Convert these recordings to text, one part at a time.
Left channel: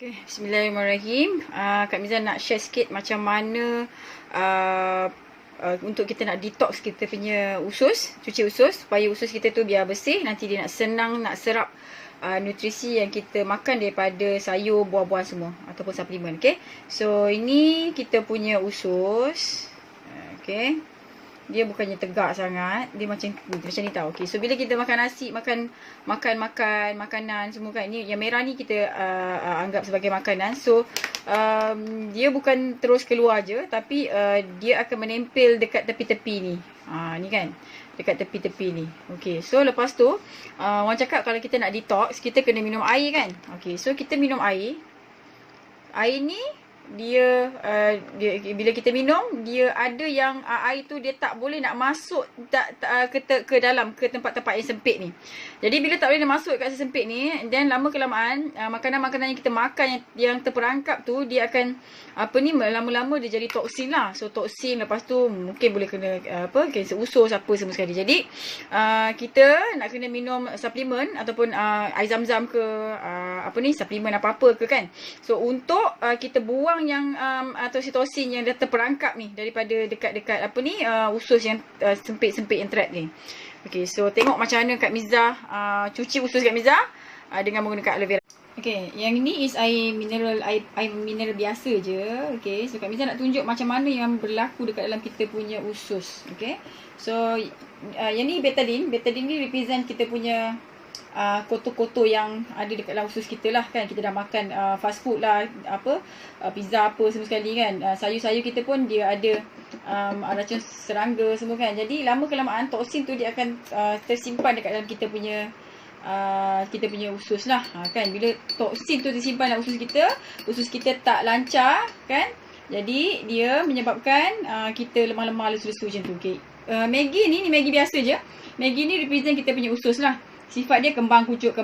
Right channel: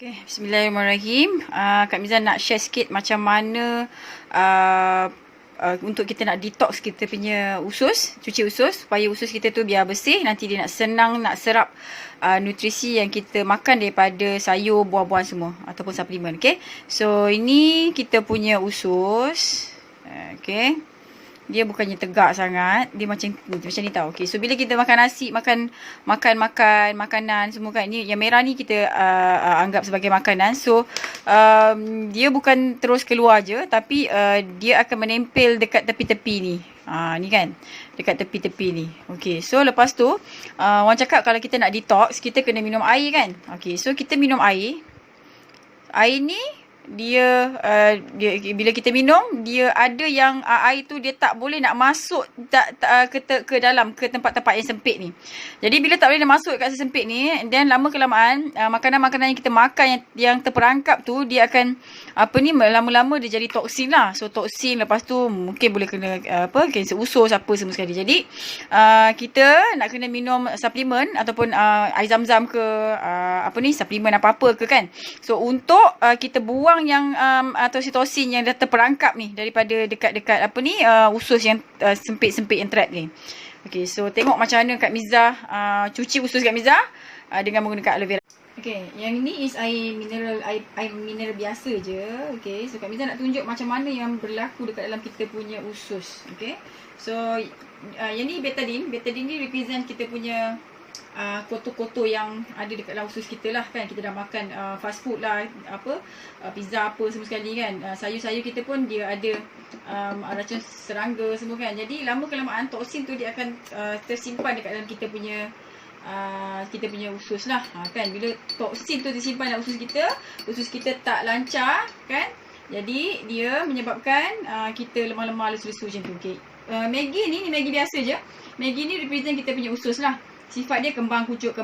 Okay, Bismillahirrahmanirrahim. Kak Miza nak share sikit macam mana untuk kita nak detox kita punya usus, cuci usus supaya usus kita tu biar bersih, nanti dia nak senang nak serap nutrisi yang kita makan daripada sayur, buah-buahan semua ataupun suplemen. Okay, so ini kita punya usus. Okay, dia bukannya tegak sangat, dia macam ni tau. Okay, so bila kita makan nasi, makan makanan semua kan, ni yang merah ni kita anggap sebagai makanan. So dia bukan terus keluar je, tapi dia akan menempel dekat tepi-tepi ni. Ni kan, dekat tepi-tepi ni. Okay, so lepas tu orang cakap kalau kita nak detox, kita kena minum air kan. Okay, so kita minum air. Air ni dia bila kita minum, dia ada yang air tu dia tak boleh nak masuk ke dalam, ke tempat-tempat yang sempit ni. Jadi bila tak boleh nak masuk kat sempit ni, dan lama kelamaan makanan-makanan yang kita makan yang terperangkap tu, dia akan lama-lama dia jadi toksin lah. So toksin, lepas tu mungkin boleh kena kanser usus apa semua sekali. Jadi kita nak kena minum suplemen ataupun air zam-zam ke suplemen apa-apa ke kan. So untuk kita buang yang atau sitosin yang dah terperangkap ni daripada dekat-dekat usus yang sempit-sempit yang trap ni. Okay, so tengok macam mana Kak Miza cuci usus Kak Miza dengan menggunakan aloe vera. Okay, yang ini is air mineral biasa je. Okay, so Kak Miza nak tunjuk macam mana yang berlaku dekat dalam kita punya usus. Okay, so yang ni betadine. Betadine ni represent kita punya kotor-kotor yang ada dekat dalam usus kita lah kan. Kita dah makan fast food lah, pizza apa semua sekali kan. Sayur-sayur kita pun dia ada racun serangga semua kan. Jadi lama kelamaan toksin tu dia akan tersimpan dekat dalam kita punya usus lah kan. Bila toksin tu tersimpan dalam usus kita tak lancar kan. Jadi dia menyebabkan kita lemah-lemah, lesu-lesu macam tu. Okay. Maggi ni Maggi biasa je. Maggi ni represent kita punya usus lah. Sifat dia kembang kucuk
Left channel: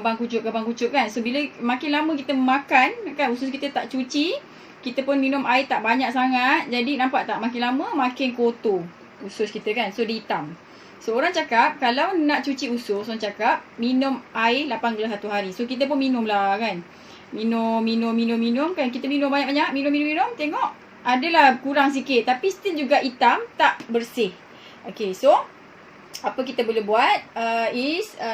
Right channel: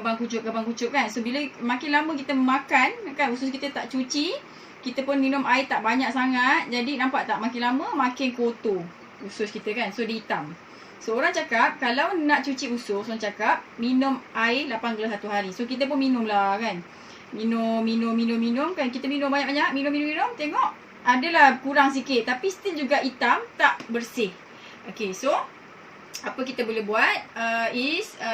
kan. So bila makin lama kita makan kan, usus kita tak cuci, kita pun minum air tak banyak sangat. Jadi nampak tak, makin lama makin kotor usus kita kan. So dia hitam. So orang cakap kalau nak cuci usus, orang cakap minum air 8 gelas satu hari. So kita pun minum lah kan. Minum kan. Kita minum banyak-banyak, minum. Tengok adalah kurang sikit, tapi still juga hitam, tak bersih. Okay, so apa kita boleh buat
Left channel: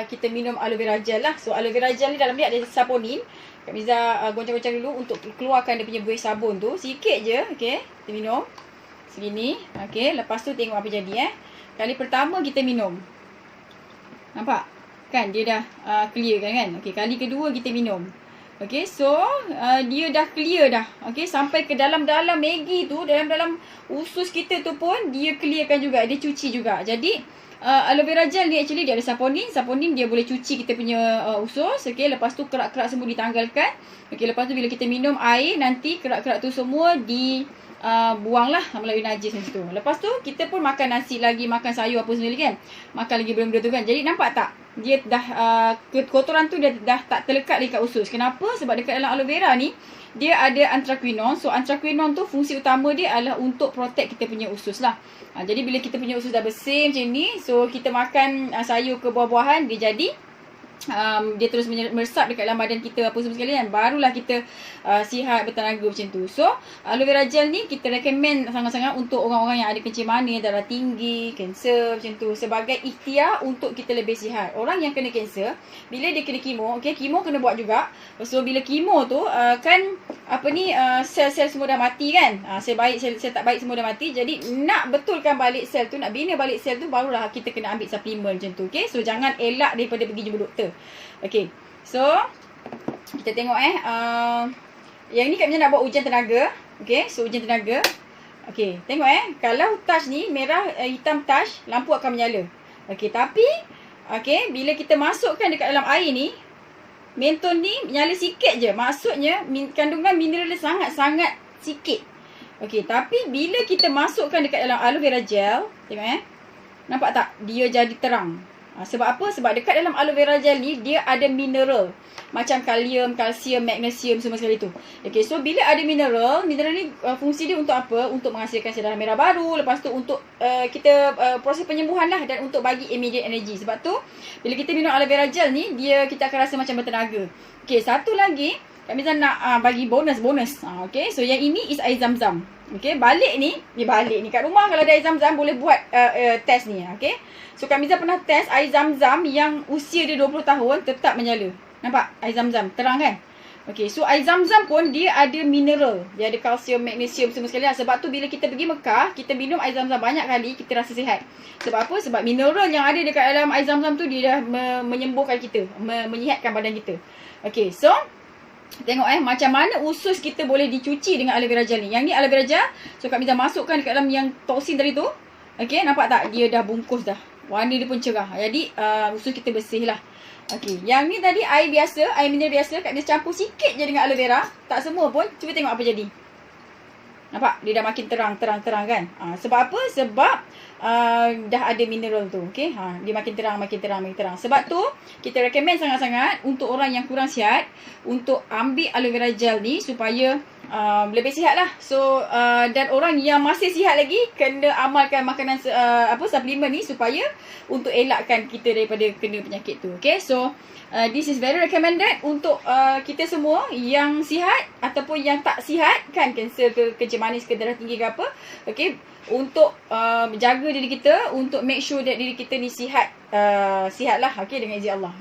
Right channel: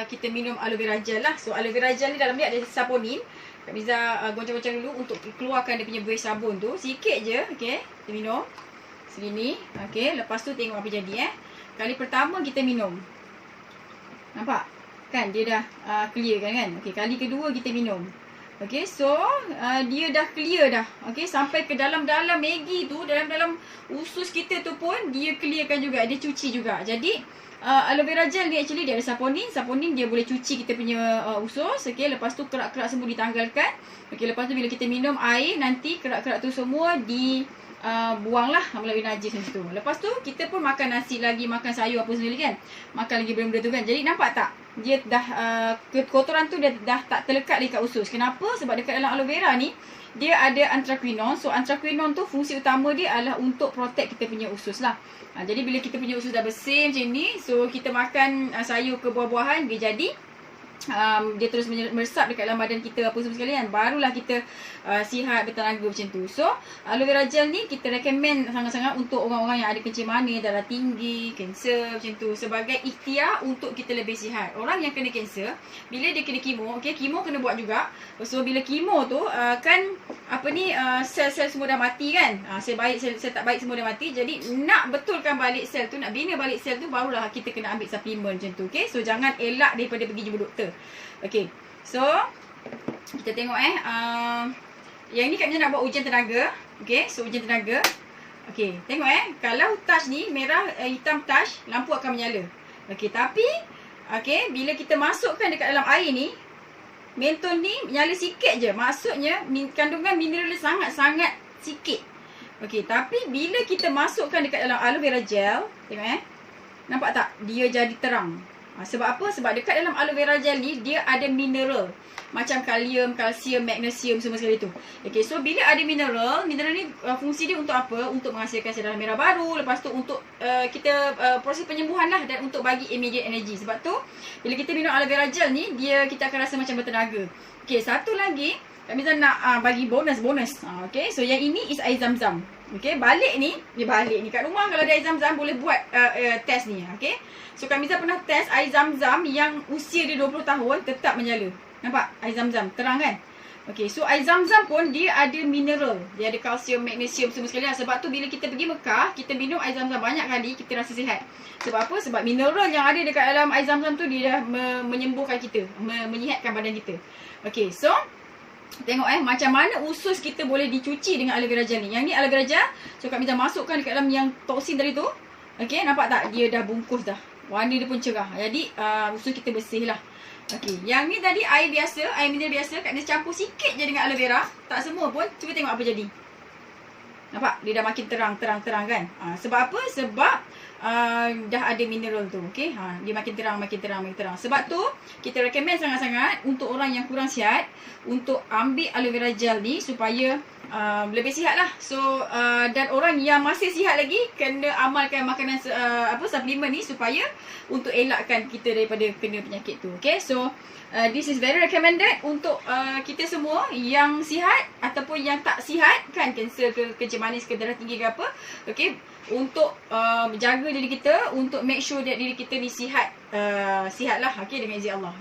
kita minum aloe vera gel lah. So aloe vera gel ni dalam dia ada saponin. Kak Miza goncang-goncang dulu untuk keluarkan dia punya buih sabun tu. Sikit je. Okay, kita minum segini. Okay, lepas tu tengok apa jadi Kali pertama kita minum, nampak kan dia dah clear kan. Okay, kali kedua kita minum. Okay, so dia dah clear dah. Okay, sampai ke dalam-dalam Maggi tu, dalam-dalam usus kita tu pun dia clearkan juga, dia cuci juga. Jadi aloe vera gel ni actually dia ada saponin. Saponin dia boleh cuci kita punya usus. Okay, lepas tu kerak-kerak semua ditanggalkan. Okay, lepas tu bila kita minum air, nanti kerak-kerak tu semua buanglah melalui najis macam tu. Lepas tu kita pun makan nasi lagi, makan sayur apa semua kan. Makan lagi benda-benda tu kan. Jadi nampak tak? Dia dah kotoran tu dah tak terlekat dekat usus. Kenapa? Sebab dekat dalam aloe vera ni dia ada anthraquinone. So anthraquinone tu fungsi utama dia adalah untuk protect kita punya usus lah. Jadi bila kita punya usus dah bersih macam ni, so kita makan sayur ke buah-buahan, dia jadi dia terus meresap dekat dalam badan kita apa semua sekali kan. Barulah kita sihat, bertenaga macam tu. So aloe vera gel ni kita recommend sangat-sangat untuk orang-orang yang ada kencing manis, darah tinggi, kanser macam tu, sebagai ikhtiar untuk kita lebih sihat. Orang yang kena kanser, bila dia kena kemo, okay, kemo kena buat juga. So bila kemo tu sel-sel semua dah mati kan. Sel baik, sel tak baik semua dah mati. Jadi nak betulkan balik sel tu, nak bina balik sel tu, barulah kita kena ambil suplemen macam tu. Okay, so jangan elak daripada pergi jumpa doktor. Okay, so kita tengok yang ni Kak Miza nak buat ujian tenaga. Okay, so ujian tenaga. Okay, tengok kalau touch ni merah, hitam touch, lampu akan menyala. Okay, tapi bila kita masukkan dekat dalam air ni, mentol ni menyala sikit je. Maksudnya kandungan mineral dia sangat-sangat sikit. Okay, tapi bila kita masukkan dekat dalam aloe vera gel, tengok nampak tak? Dia jadi terang. Sebab apa? Sebab dekat dalam aloe vera gel ni dia ada mineral macam kalium, kalsium, magnesium semua sekali tu. Okay, so bila ada mineral ni fungsi dia untuk apa? Untuk menghasilkan sel darah merah baru. Lepas tu untuk kita proses penyembuhan lah, dan untuk bagi immediate energy. Sebab tu bila kita minum aloe vera gel ni, kita akan rasa macam bertenaga. Okay, satu lagi Kak Miza nak bagi bonus. Okay, so yang ini is air zam-zam. Okay, balik ni kat rumah kalau ada air zam-zam boleh buat test ni. Okay, so Kak Miza pernah test air zam-zam yang usia dia 20 tahun tetap menyala. Nampak? Air zam-zam terang kan? Okay, so air zam-zam pun dia ada mineral. Dia ada kalsium, magnesium semua sekali lah. Sebab tu bila kita pergi Mekah, kita minum air zam-zam banyak kali, kita rasa sihat. Sebab apa? Sebab mineral yang ada dekat dalam air zam-zam tu, dia dah menyembuhkan kita, menyihatkan badan kita. Okay, so tengok macam mana usus kita boleh dicuci dengan aloe vera gel ni. Yang ni aloe vera gel. So Kak Miza masukkan dekat dalam yang toksin tadi tu. Okay, nampak tak? Dia dah bungkus dah. Warna dia pun cerah. Jadi usus kita bersih lah. Okay, yang ni tadi air biasa, air mineral biasa. Kak Miza campur sikit je dengan aloe vera. Tak semua pun. Cuba tengok apa jadi. Nampak? Dia dah makin terang kan? Sebab apa? Sebab dah ada mineral tu. Okay? Dia makin terang. Sebab tu, kita recommend sangat-sangat untuk orang yang kurang sihat, untuk ambil aloe vera gel ni supaya lebih sihat lah. So, dan orang yang masih sihat lagi, kena amalkan makanan suplemen ni supaya untuk elakkan kita daripada kena penyakit tu. Okay? So, this is very recommended untuk kita semua yang sihat ataupun yang tak sihat, kan, kanser ke, kencing manis ke, darah tinggi ke apa. Okay, untuk menjaga diri kita, untuk make sure that diri kita ni sihat lah, okay, dengan izin Allah.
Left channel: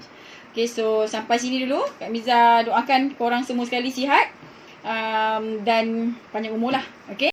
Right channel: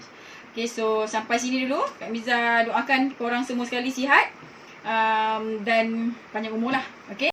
Okay, so sampai sini dulu. Kak Miza doakan korang semua sekali sihat dan panjang umur lah. Okay.